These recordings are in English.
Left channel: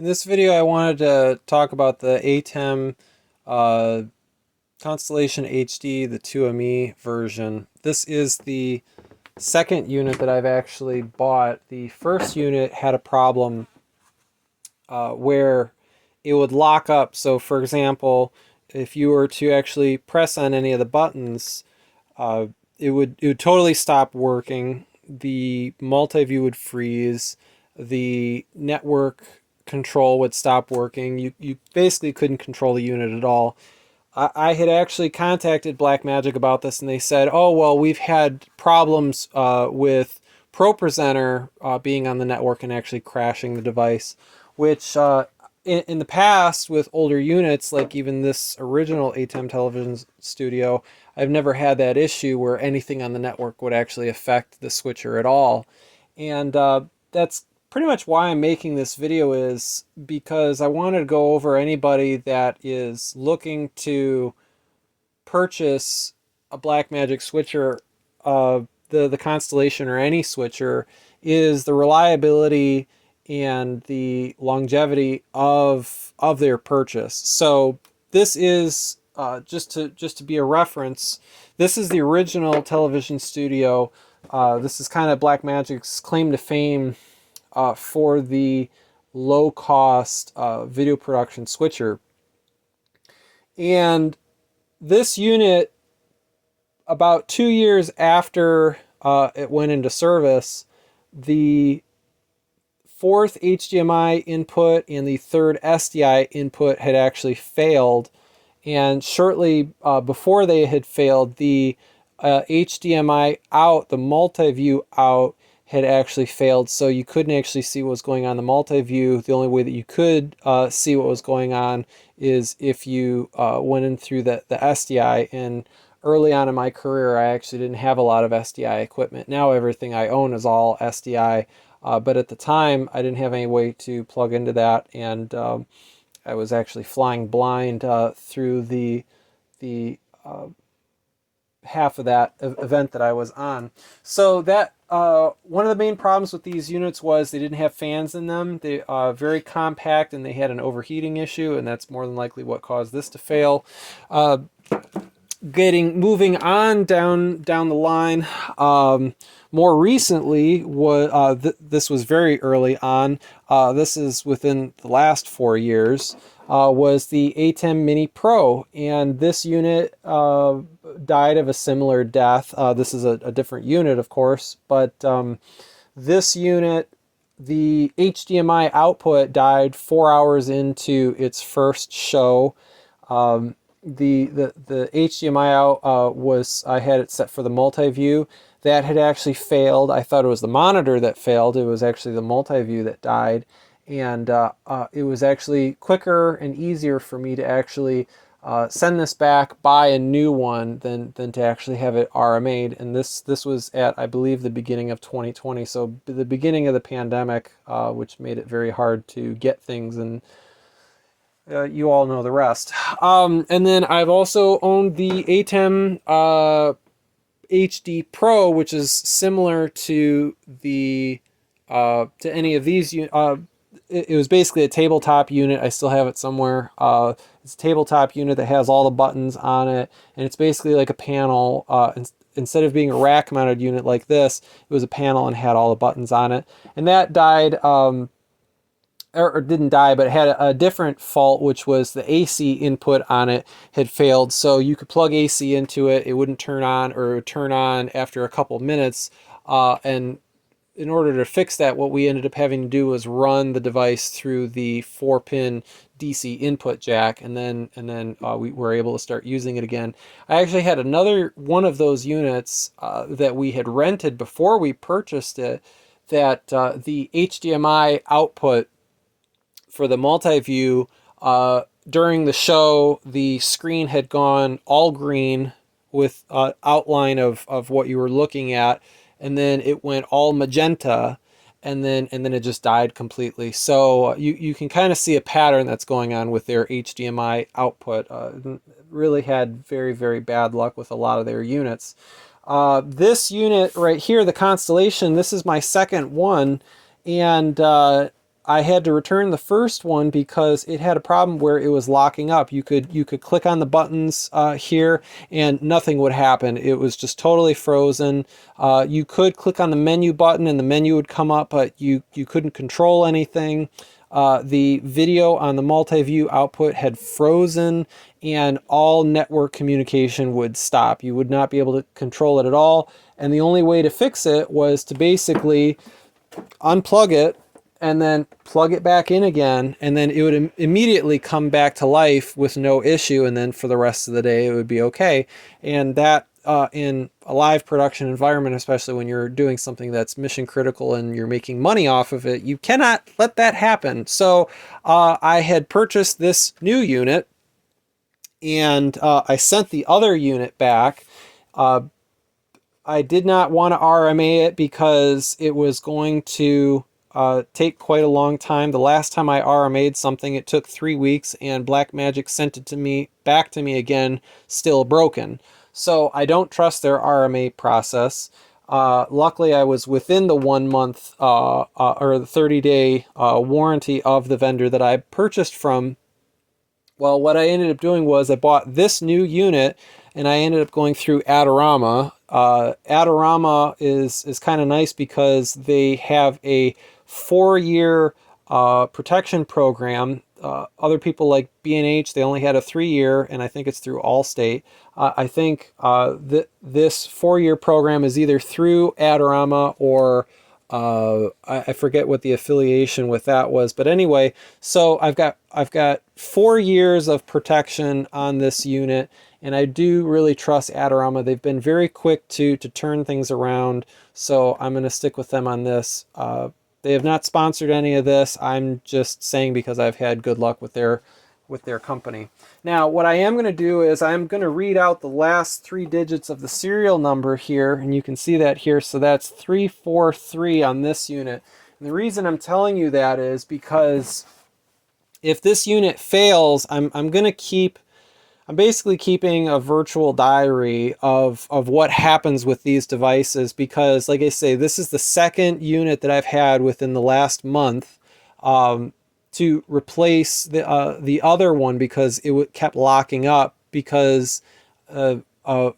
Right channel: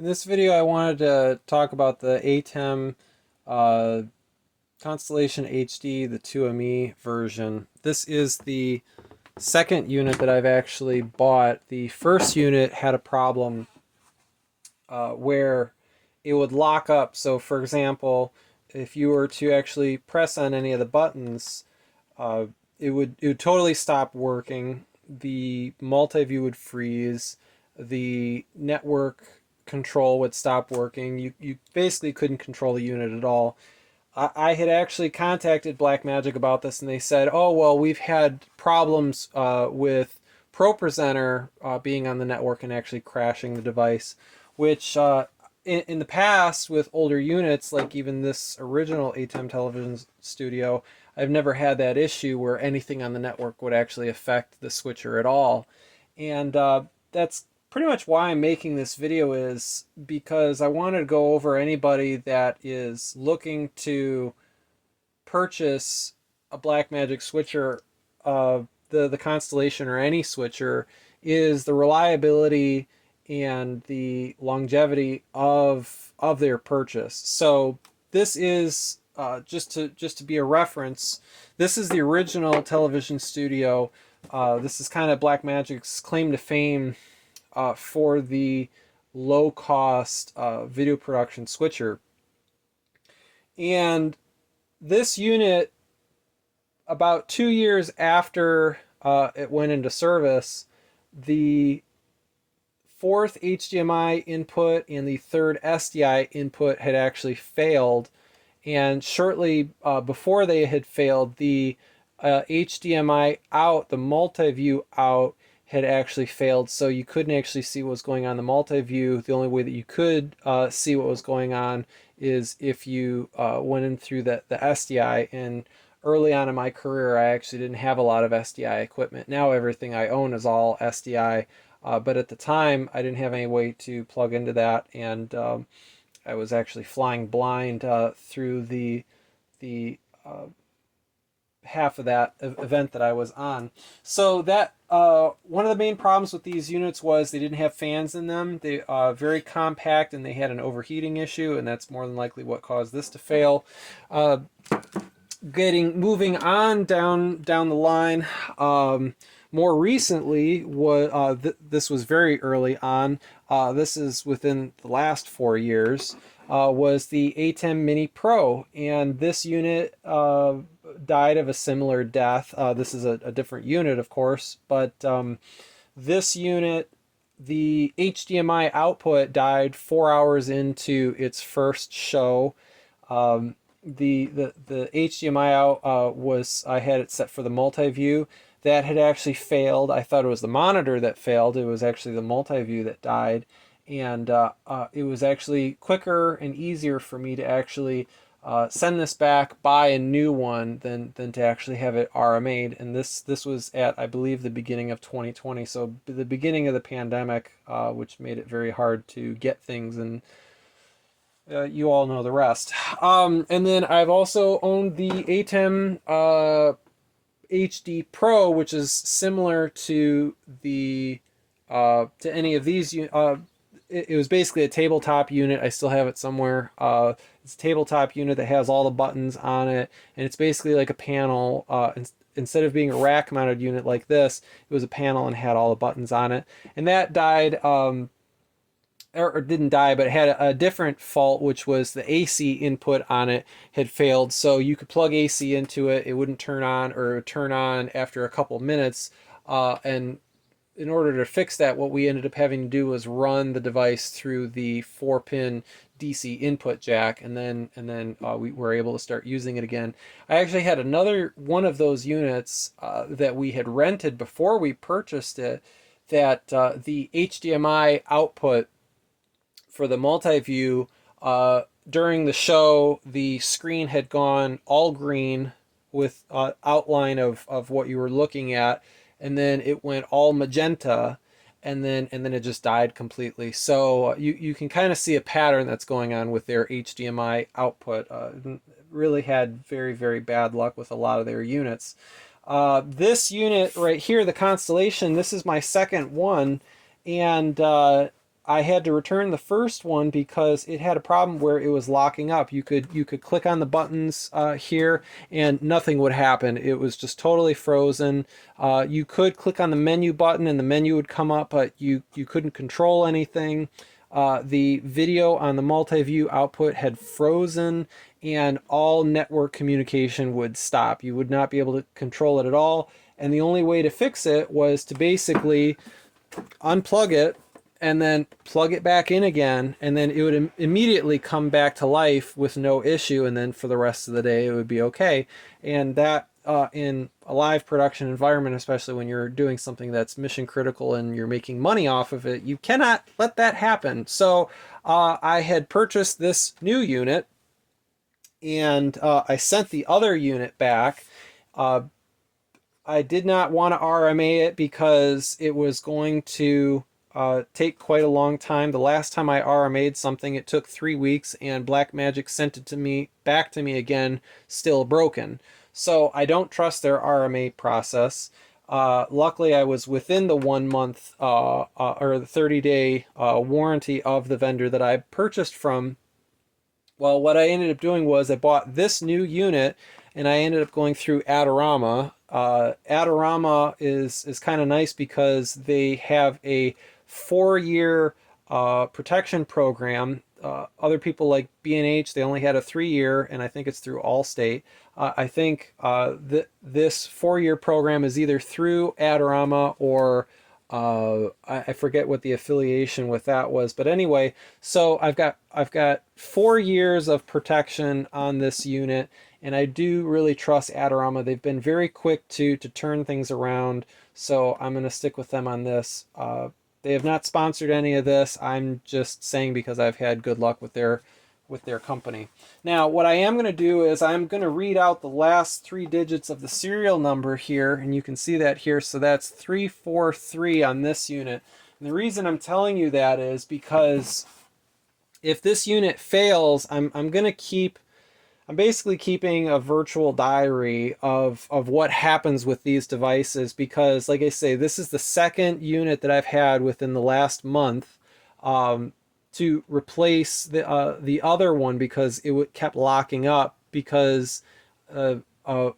In this video, I wanted to talk about the ATEM uh, Constellation HD, the 2ME version. This is the second unit that I've actually bought. The first unit had a problem where it would lock up. So, for example, if you were to actually press on any of the buttons, uh, it would totally stop working. The multi-view would freeze. The network control would stop working. You basically couldn't control the unit at all. I had actually contacted Blackmagic about this, and they said, "Oh well, we've had problems with ProPresenter being on the network and actually crashing the device," which in the past with older units, like even this original ATEM television studio, I've never had that issue where anything on the network would actually affect the switcher at all. And that's pretty much why I'm making this video, is because I wanted to go over anybody that is looking to purchase a Blackmagic switcher, the Constellation or any switcher, is the reliability and the longevity of their purchase. So this is just to be a reference. This is the original television studio. This is kind of Blackmagic's claim to fame for the low cost video production switcher. And this unit, about 2 years after it went into service, the fourth HDMI input and the third SDI input had actually failed. And shortly before they had failed, the HDMI out, the multi-view out, had actually failed. So you couldn't actually see what was going on in the multi-view. The only way that you could see what was going on is if you went in through the SDI. And early on in my career, I actually didn't have a lot of SDI equipment. Now everything I own is all SDI. But at the time, I didn't have any way to plug into that, and I was actually flying blind through the half of that event that I was on. So that one of the main problems with these units was they didn't have fans in them. They are very compact, and they had an overheating issue, and that's more than likely what caused this to fail. Moving on down the line. More recently, this was very early on. This is within the last 4 years. Was the ATEM Mini Pro, and this unit died of a similar death. This is a different unit, of course, but this unit, the HDMI output died 4 hours into its first show. The HDMI out I had it set for the multi-view. That had actually failed. I thought it was the monitor that failed. It was actually the multi-view that died. And it was actually quicker and easier for me to actually send this back, buy a new one, than to actually have it RMA'd. And this was at, I believe, the beginning of 2020. So the beginning of the pandemic, which made it very hard to get things, and you all know the rest. And then I've also owned the ATEM HD Pro, which is similar to the to any of these. It was basically a tabletop unit. I still have it somewhere. It's a tabletop unit that has all the buttons on it, and it's basically like a panel. Instead of being a rack-mounted unit like this, it was a panel and had all the buttons on it. And that died. Or didn't die, but it had a different fault, which was the AC input on it had failed. So you could plug AC into it, it wouldn't turn on, or it would turn on after a couple minutes. And in order to fix that, what we ended up having to do was run the device through the 4-pin DC input jack, and then we were able to start using it again. I actually had another one of those units that we had rented before we purchased it, that the HDMI output for the multi-view, during the show, the screen had gone all green with outline of what you were looking at, and then it went all magenta, and then it just died completely. So you can kind of see a pattern that's going on with their HDMI output. Really had very, very bad luck with a lot of their units. This unit right here, the Constellation, this is my second one, and I had to return the first one because it had a problem where it was locking up. You could click on the buttons here and nothing would happen. It was just totally frozen. You could click on the menu button and the menu would come up, but you couldn't control anything. The video on the multi-view output had frozen and all network communication would stop. You would not be able to control it at all. And the only way to fix it was to basically unplug it and then plug it back in again, and then it would immediately come back to life with no issue, and then for the rest of the day it would be okay. And that in a live production environment, especially when you're doing something that's mission critical and you're making money off of it, you cannot let that happen. So I had purchased this new unit, and I sent the other unit back. I did not want to RMA it because it was going to take quite a long time. The last time I RMA'd something, it took 3 weeks, and Blackmagic sent it to me back to me again, still broken. So I don't trust their RMA process. Luckily, I was within the 1 month or the 30-day warranty of the vendor that I purchased from. Well, what I ended up doing was I bought this new unit, and I ended up going through Adorama. Adorama is kind of nice because they have a 4-year protection program. Other people like B&H, they only had a 3-year, and I think it's through Allstate. I think this 4-year program is either through Adorama or I forget what the affiliation with that was, but anyway, so I've got 4 years of protection on this unit, and I do really trust Adorama. They've been very quick to turn things around, so I'm going to stick with them on this. They have not sponsored any of this. I'm just saying because I've had good luck with their company. Now, what I am going to do is I'm going to read out the last 3 digits of the serial number here, and you can see that here. So that's 343 on this unit. And the reason I'm telling you that is because if this unit fails, I'm basically keeping a virtual diary of what happens with these devices, because like I say, this is the second unit that I've had within the last month to replace the other one because it kept locking up because Blackmagic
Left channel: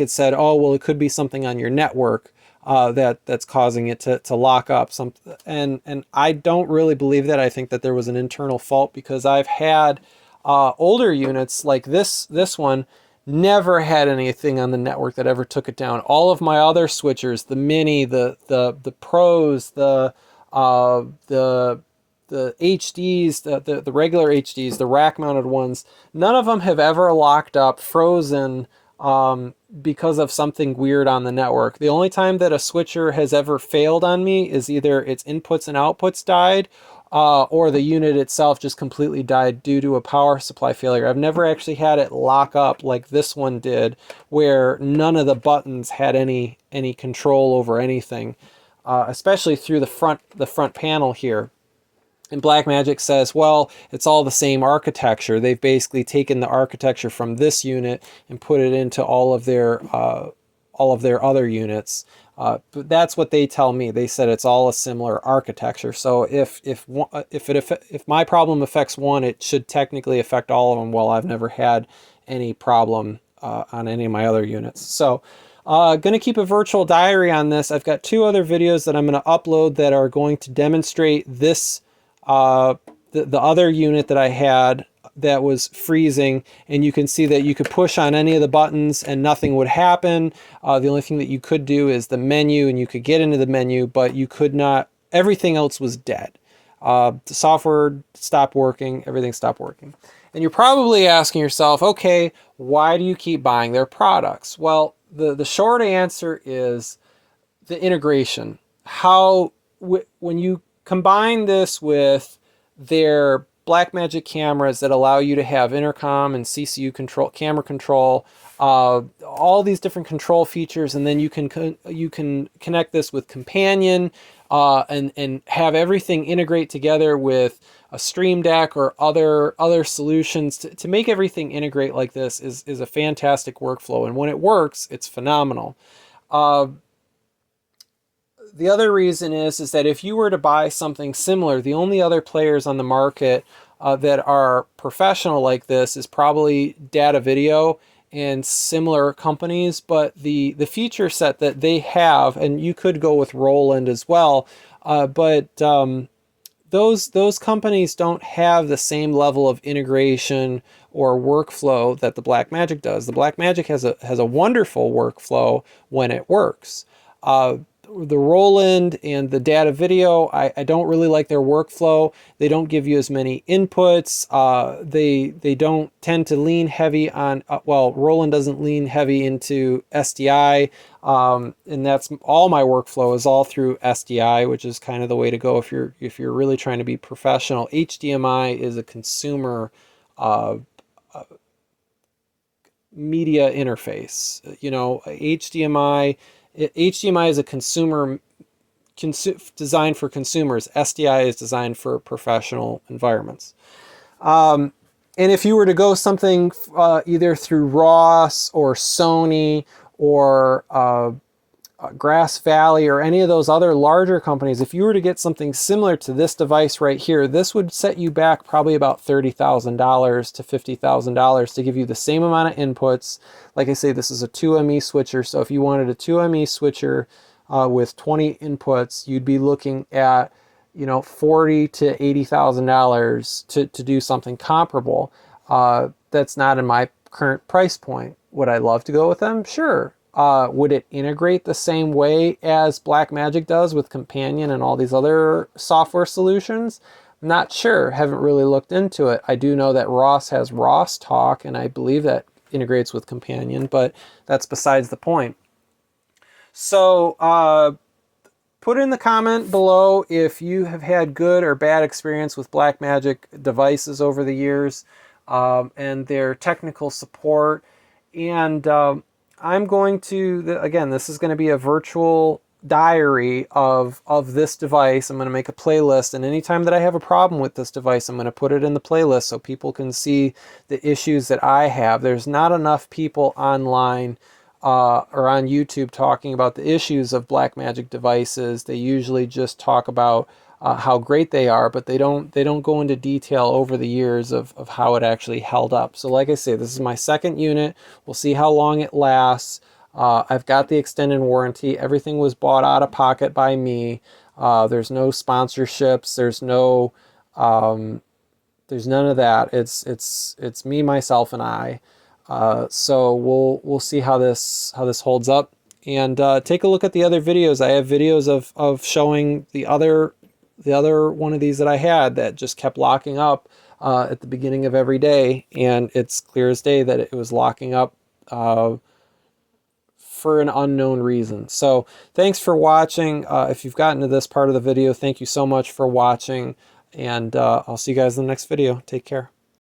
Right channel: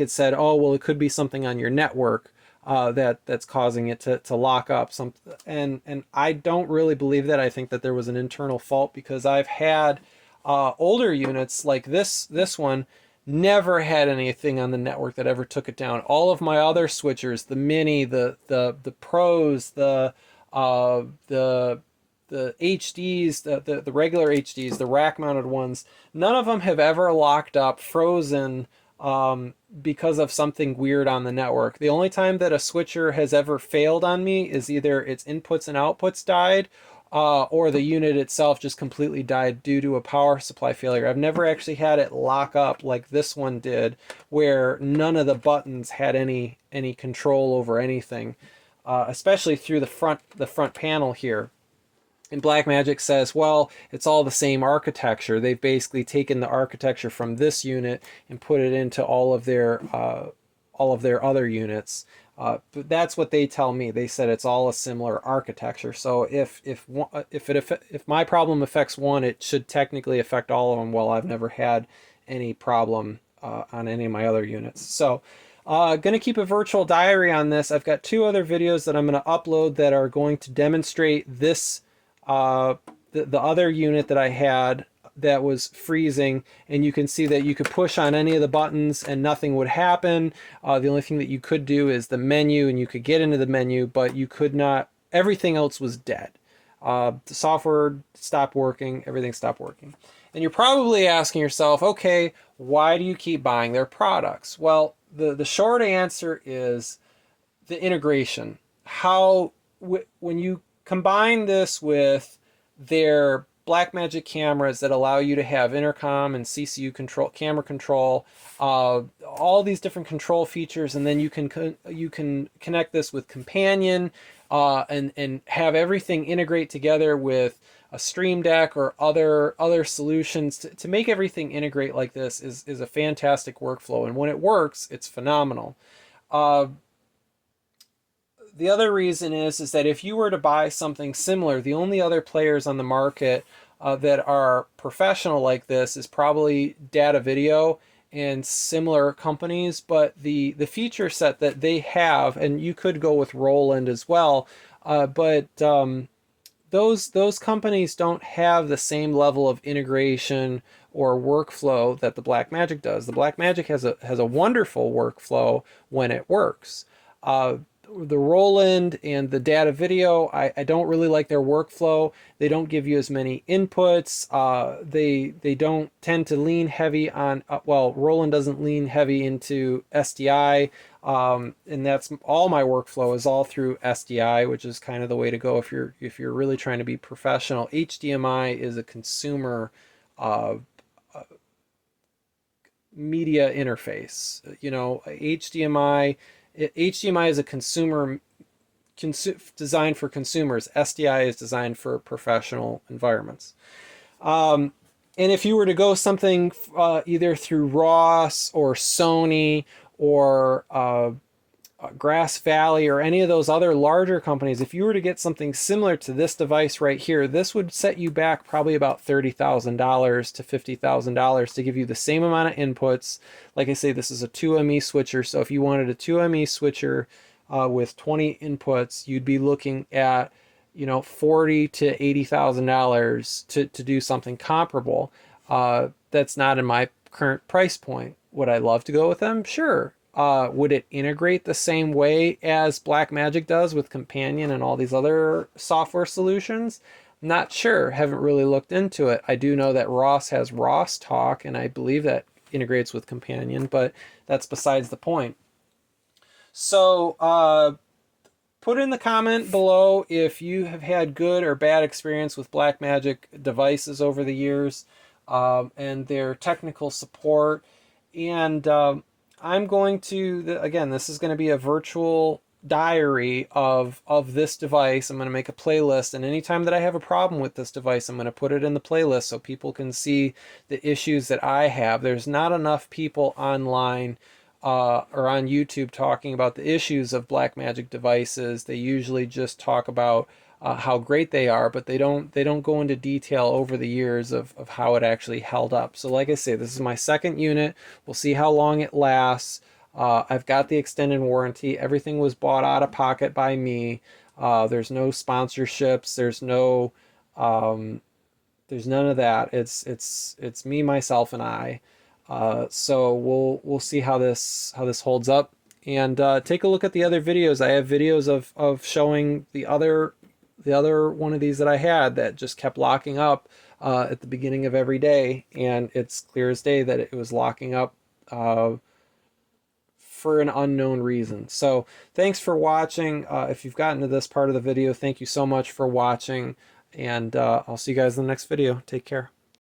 had said, oh, well, it could be something on your network that's causing it to lock up. And I don't really believe that. I think that there was an internal fault because I've had older units like this one never had anything on the network that ever took it down. All of my other switchers, the Mini, the Pros, the HDs, the regular HDs, the rack mounted ones, none of them have ever locked up, frozen, because of something weird on the network. The only time that a switcher has ever failed on me is either its inputs and outputs died, or the unit itself just completely died due to a power supply failure. I've never actually had it lock up like this one did, where none of the buttons had any control over anything, especially through the front panel here. And Blackmagic says, well, it's all the same architecture. They've basically taken the architecture from this unit and put it into all of their other units. But that's what they tell me. They said it's all a similar architecture. So if my problem affects one, it should technically affect all of them. Well, I've never had any problem on any of my other units. So going to keep a virtual diary on this. I've got 2 other videos that I'm going to upload that are going to demonstrate this the other unit that I had that was freezing, and you can see that you could push on any of the buttons and nothing would happen. The only thing that you could do is the menu, and you could get into the menu, but you could not, everything else was dead. The software stopped working, everything stopped working. And you're probably asking yourself, okay, why do you keep buying their products? Well, the short answer is the integration. When you combine this with their Blackmagic cameras that allow you to have intercom and CCU control, camera control, all these different control features, and then you can connect this with Companion and have everything integrate together with a Stream Deck or other solutions to make everything integrate like this is a fantastic workflow. And when it works, it's phenomenal. the other reason is that if you were to buy something similar, the only other players on the market that are professional like this is probably Data Video and similar companies, but the feature set that they have, and you could go with Roland as well, but those companies don't have the same level of integration or workflow that the Blackmagic does. The Blackmagic has a wonderful workflow when it works. The Roland and the Data Video, I don't really like their workflow. They don't give you as many inputs. They don't tend to lean heavy on, well, Roland doesn't lean heavy into SDI. And that's all my workflow is all through SDI, which is kind of the way to go if you're really trying to be professional. HDMI is a consumer uh, media interface. You know, HDMI is a designed for consumers. SDI is designed for professional environments. And if you were to go something either through Ross or Sony or Grass Valley or any of those other larger companies, if you were to get something similar to this device right here, this would set you back probably about $30,000 to $50,000 to give you the same amount of inputs. Like I say, this is a 2ME switcher, so if you wanted a 2ME switcher with 20 inputs, you'd be looking at, you know, $40,000 to $80,000 to do something comparable. That's not in my current price point. Would I love to go with them? Sure. Would it integrate the same way as Blackmagic does with Companion and all these other software solutions? Not sure. Haven't really looked into it. I do know that Ross has Ross Talk, and I believe that integrates with Companion, but that's besides the point. So put in the comment below if you have had good or bad experience with Blackmagic devices over the years and their technical support. And I'm going to, again, this is going to be a virtual diary of this device. I'm going to make a playlist, and anytime that I have a problem with this device, I'm going to put it in the playlist so people can see the issues that I have. There's not enough people online or on YouTube talking about the issues of Blackmagic devices. They usually just talk about how great they are, but they don't go into detail over the years of how it actually held up. So like I say, this is my second unit. We'll see how long it lasts. I've got the extended warranty. Everything was bought out of pocket by me. There's no sponsorships. There's none of that. It's me, myself, and I. So we'll see how this holds up. And take a look at the other videos. I have videos of showing the other one of these that I had that just kept locking up at the beginning of every day, and it's clear as day that it was locking up for an unknown reason. So thanks for watching. If you've gotten to this part of the video, thank you so much for watching, and I'll see you guys in the next video. Take care.